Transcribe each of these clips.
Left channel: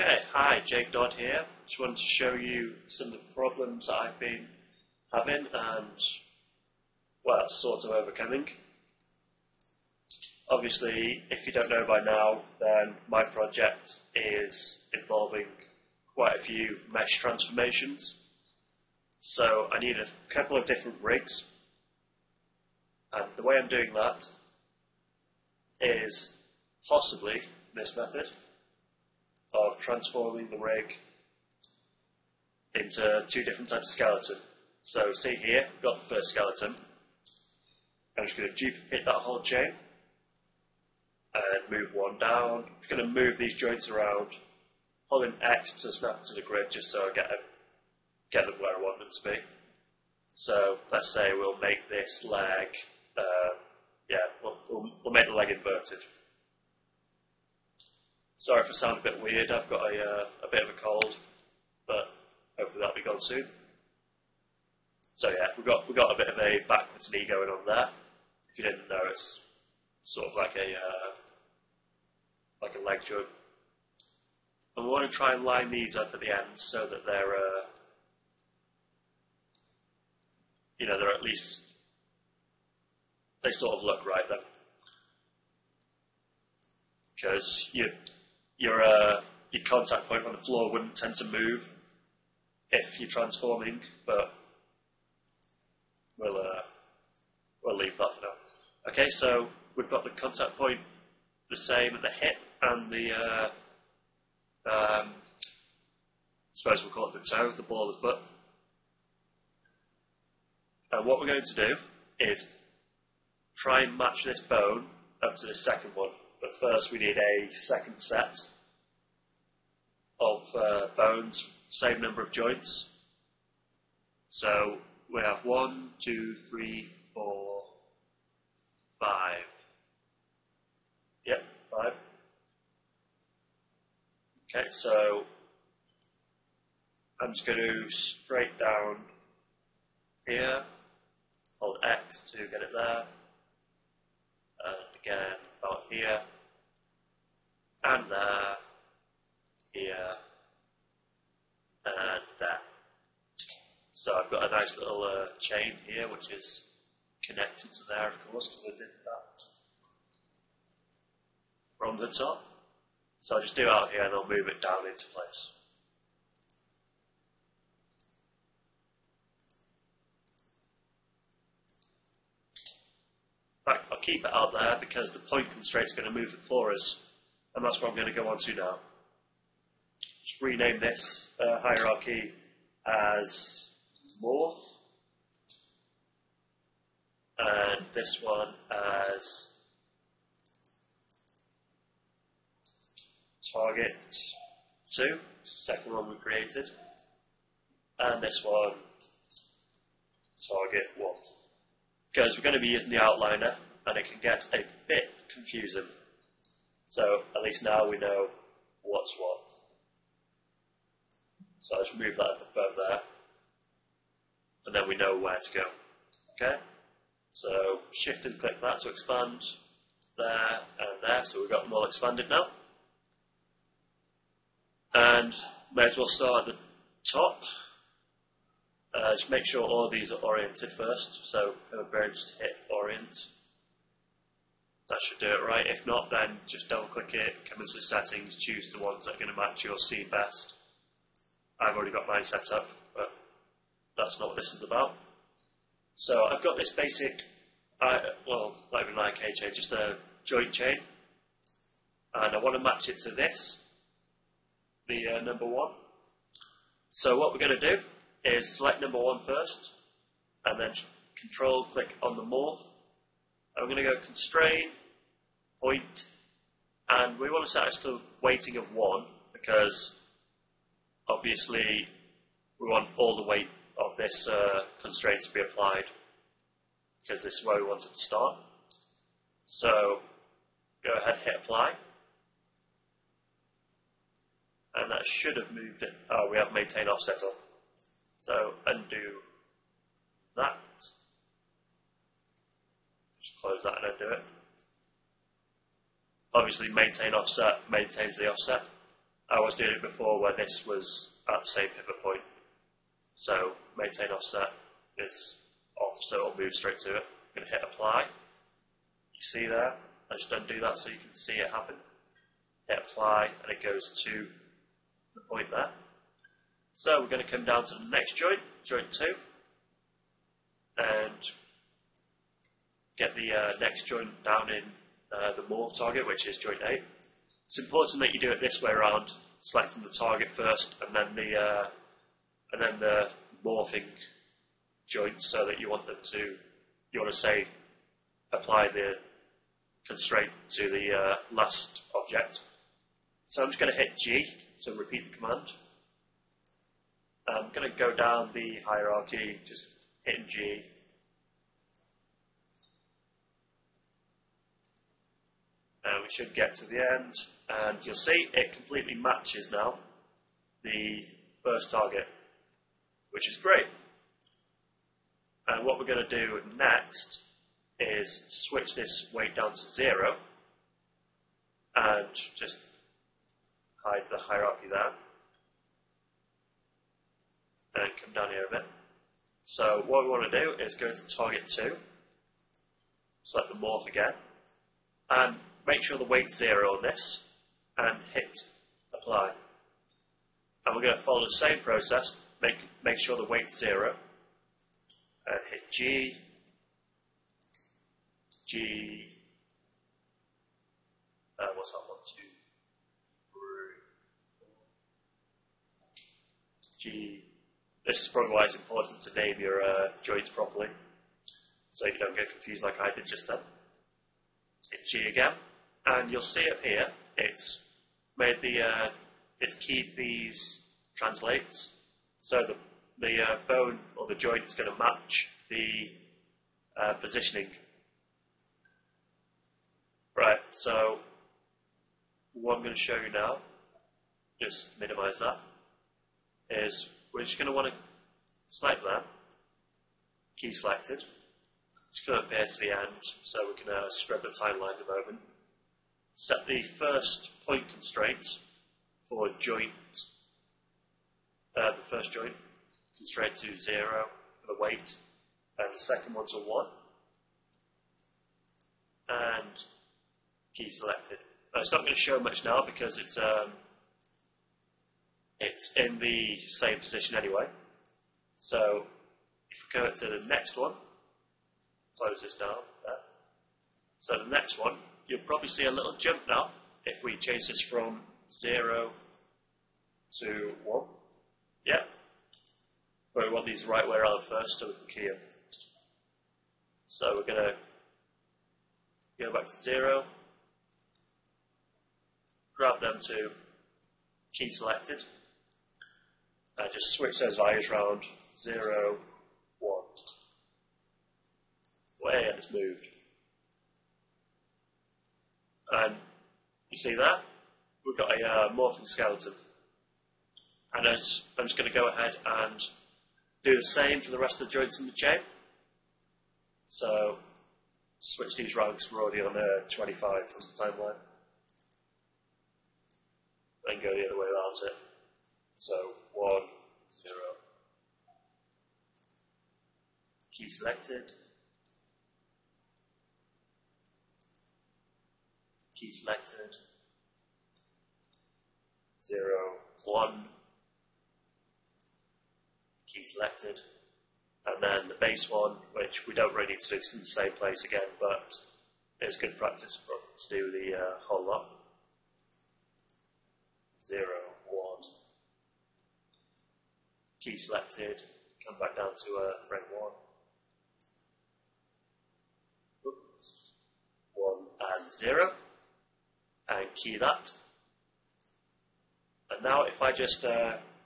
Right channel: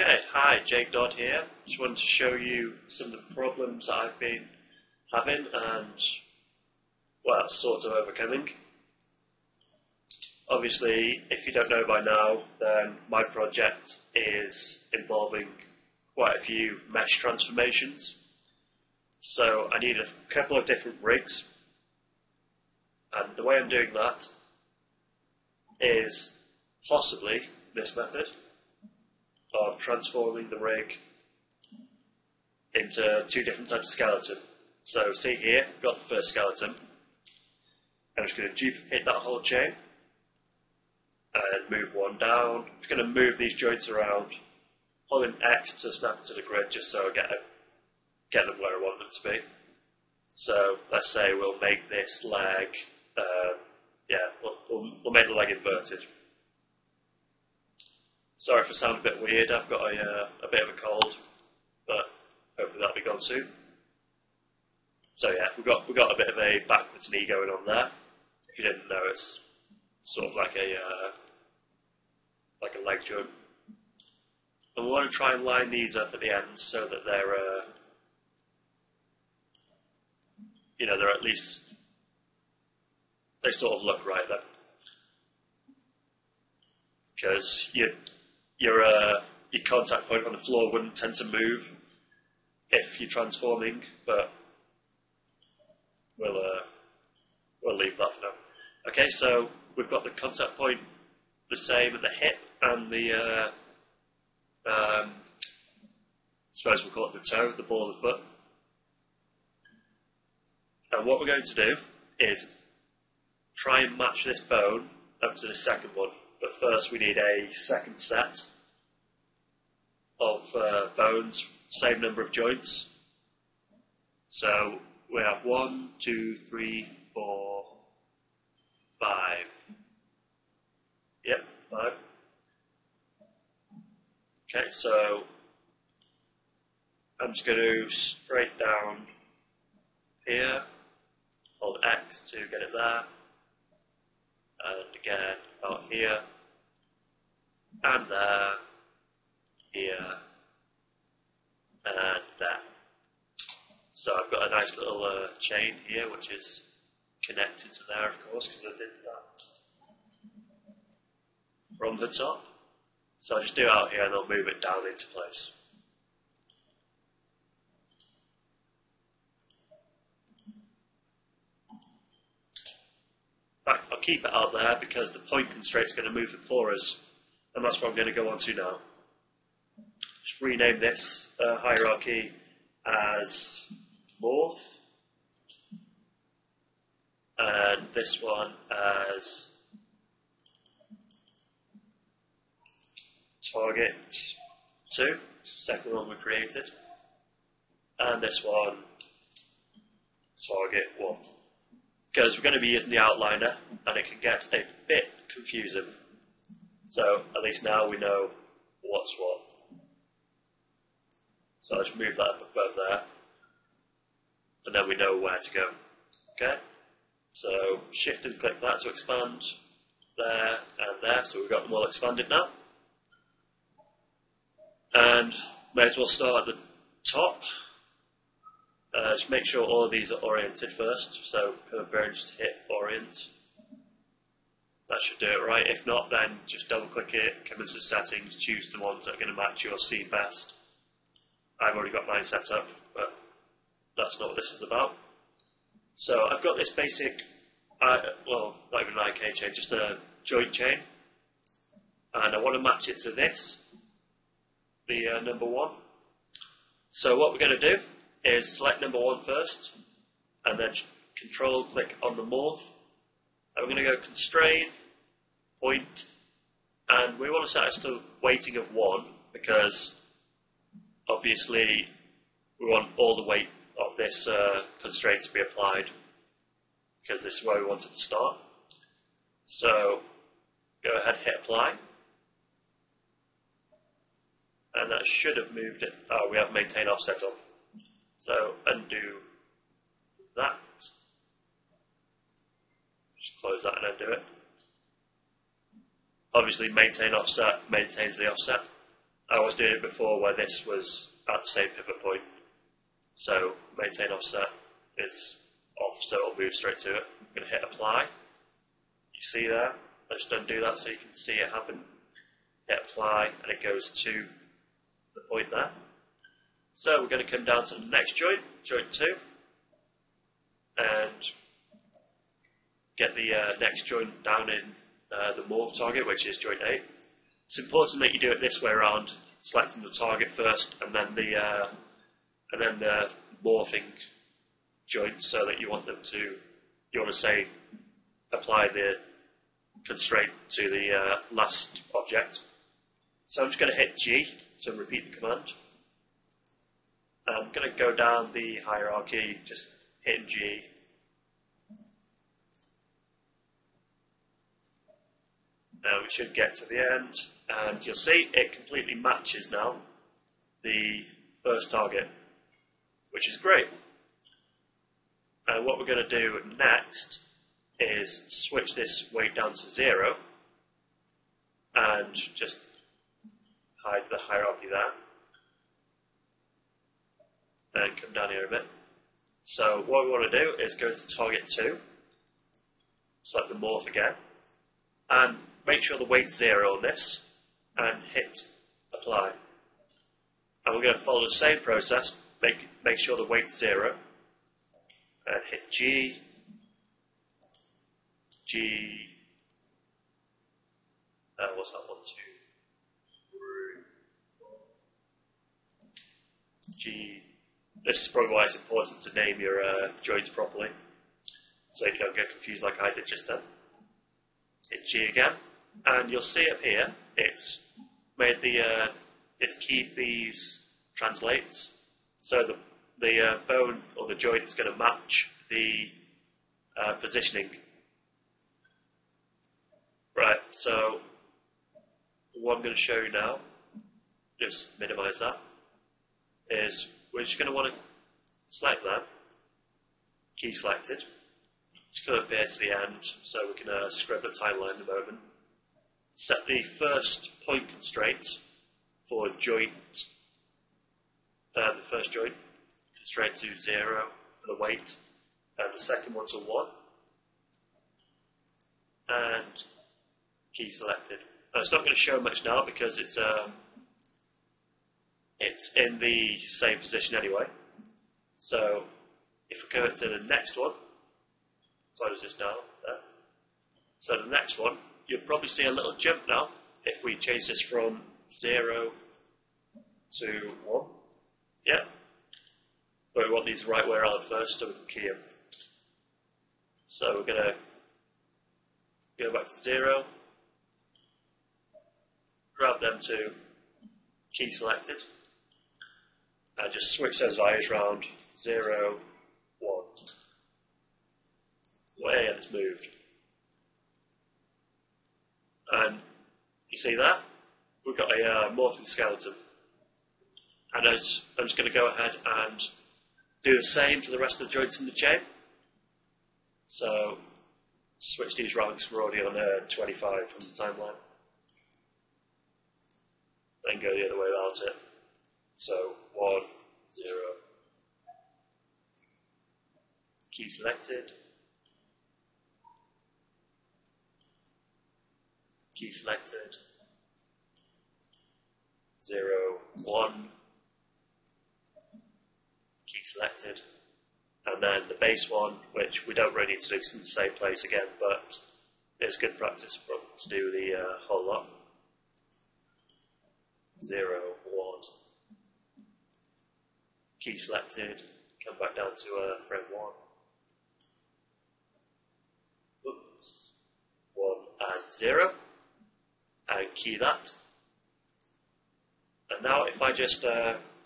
Okay, hi, Jake Dodd here. Just wanted to show you some of the problems I've been having and, well, sort of overcoming. Obviously, if you don't know by now, then my project is involving quite a few mesh transformations. So I need a couple of different rigs, and the way I'm doing that is possibly this method of transforming the rig into two different types of skeleton. So see here, we've got the first skeleton. I'm just going to duplicate that whole chain and move one down. I'm just going to move these joints around, holding X to snap to the grid just so I get them where I want them to be. So let's say we'll make this leg, we'll make the leg inverted. Sorry if I sound a bit weird, I've got a bit of a cold, but hopefully that'll be gone soon. So yeah, we've got a bit of a backwards knee going on there. If you didn't know, it's sort of like a leg joint. And we want to try and line these up at the ends so that they're they're at least, they sort of look right then. Because your contact point on the floor wouldn't tend to move if you're transforming, but we'll leave that for now. Okay, so we've got the contact point the same at the hip and the I suppose we'll call it the toe, the ball of the foot. And what we're going to do is try and match this bone up to the second one. But first we need a second set of bones, same number of joints. So we have 1, 2, 3, 4, 5. Yep, 5. Okay, so I'm just going to straight down here, hold X to get it there, and again about here, and there, here, and there. So I've got a nice little chain here which is connected to there, of course, because I did that from the top. So I'll just do it out here and I'll move it down into place. Right, I'll keep it out there because the point constraint is going to move it for us, and that's what I'm going to go on to now. Just rename this hierarchy as Morph, and this one as Target 2, the second one we created, and this one Target 1. Because we're going to be using the outliner and it can get a bit confusing. So at least now we know what's what. So I'll just move that up above there and then we know where to go. Okay? So shift and click that to expand there and there. So we've got them all expanded now. And may as well start at the top. Just make sure all of these are oriented first, so converge to hit orient. That should do it right. If not, then just double click it, come into the settings, choose the ones that are going to match your scene best. I've already got mine set up, but that's not what this is about. So I've got this basic, well, not even an IK chain, just a joint chain, and I want to match it to this, the number 1. So what we're going to do is select number 1 first, and then control click on the morph, and we're going to go constrain, point, and we want to set this to weighting of 1 because obviously we want all the weight of this constraint to be applied because this is where we want it to start. So go ahead, hit apply, and that should have moved it. We have maintain offset on. So undo that, just close that and undo it. Obviously maintain offset maintains the offset. I was doing it before where this was at the same pivot point. So maintain offset is off, so it'll move straight to it. I'm going to hit apply. You see there? I just undo that so you can see it happen. Hit apply and it goes to the point there. So we're going to come down to the next joint, joint 2, and get the next joint down in the morph target, which is joint 8. It's important that you do it this way around, selecting the target first and then the morphing joints, so that you want to say apply the constraint to the last object. So I'm just going to hit G to repeat the command. I'm going to go down the hierarchy, just hitting G. And we should get to the end, and you'll see it completely matches now the first target, which is great. And what we're going to do next is switch this weight down to 0 and just hide the hierarchy there. And come down here a bit. So what we want to do is go to target 2, select the morph again, and make sure the weight's 0 on this, and hit apply. And we're going to follow the same process, make sure the weight's 0, and hit G, what's that, 1, 2, 3, G. This is probably why it's important to name your joints properly, so you don't get confused like I did just then. Hit G again, and you'll see up here, it's made it's keyed these translates, so the bone or the joint is going to match the positioning. Right, so what I'm going to show you now, just minimize that, is we're just going to want to select that, key selected. It's going to appear to the end, so we can scrub the timeline in a moment. Set the first point constraint for joint, the first joint constraint to 0 for the weight, and the second one to 1, and key selected. Now, it's not going to show much now because it's in the same position anyway. So if we go to the next one, close this down there. So the next one, you'll probably see a little jump now if we change this from 0 to 1. Yeah. But we want these the right way around first, so we can key them. So we're going to go back to 0, grab them to key selected, and just switch those values around 0, 1. Way, and it's moved. And you see that? We've got a morphing skeleton. And I'm just going to go ahead and do the same for the rest of the joints in the chain. So switch these around because we're already on 25 on the timeline. Then go the other way around it. So 1, 0. Key selected. Key selected. 0, 1. Key selected. And then the base one, which we don't really need to do in the same place again, but it's good practice to do the whole lot. 0, 1. Key selected. Come back down to frame 1. Oops. 1 and 0. And key that. And now if I just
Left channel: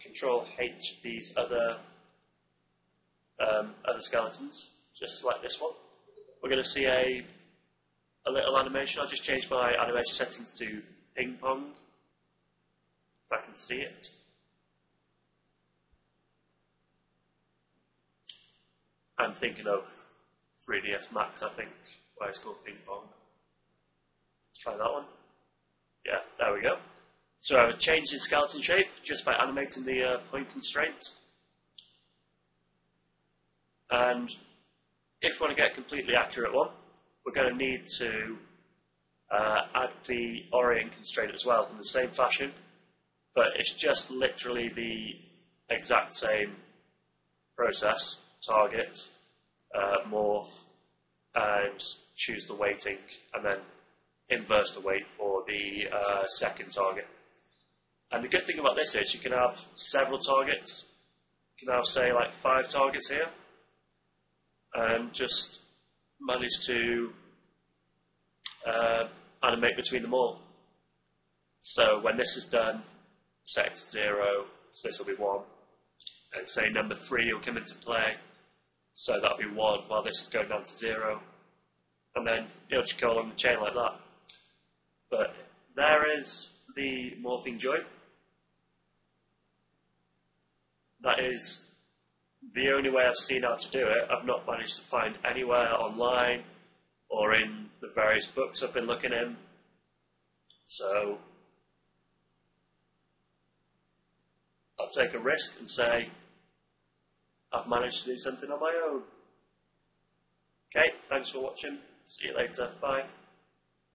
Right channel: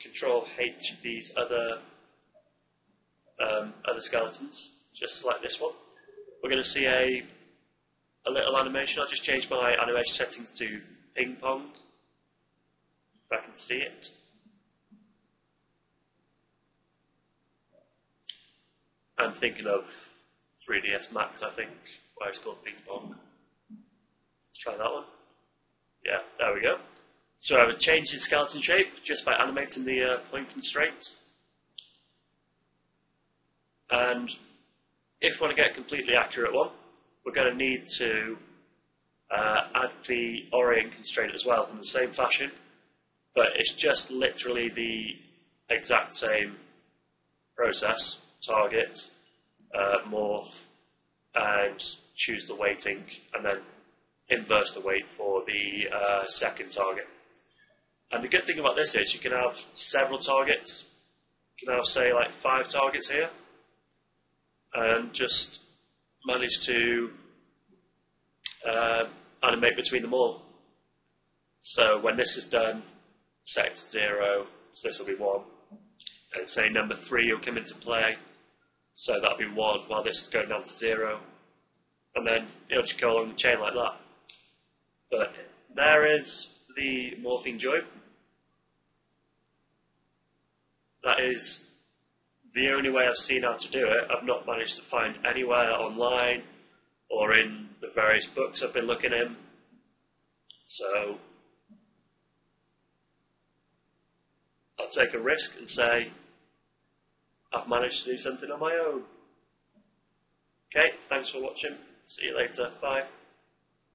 Control H these other skeletons, just select this one, we're going to see a little animation. I'll just change my animation settings to ping pong, if I can see it. I'm thinking of 3ds Max, I think, where it's called ping pong. Try that one. Yeah, there we go. So I have a change in skeleton shape just by animating the point constraint. And if we want to get a completely accurate one, we're going to need to add the orient constraint as well in the same fashion, but it's just literally the exact same process. Target, morph, and choose the weighting, and then inverse the weight for the second target. And the good thing about this is you can have several targets. You can have, say, like 5 targets here, and just manage to animate between them all. So when this is done, set it to 0, so this will be 1. And say number 3 will come into play, so that'll be 1 while this is going down to 0. And then it'll just go along the chain like that. But there is the morphing joint. That is the only way I've seen how to do it. I've not managed to find anywhere online or in the various books I've been looking in. So I'll take a risk and say I've managed to do something on my own. Okay, thanks for watching. See you later. Bye.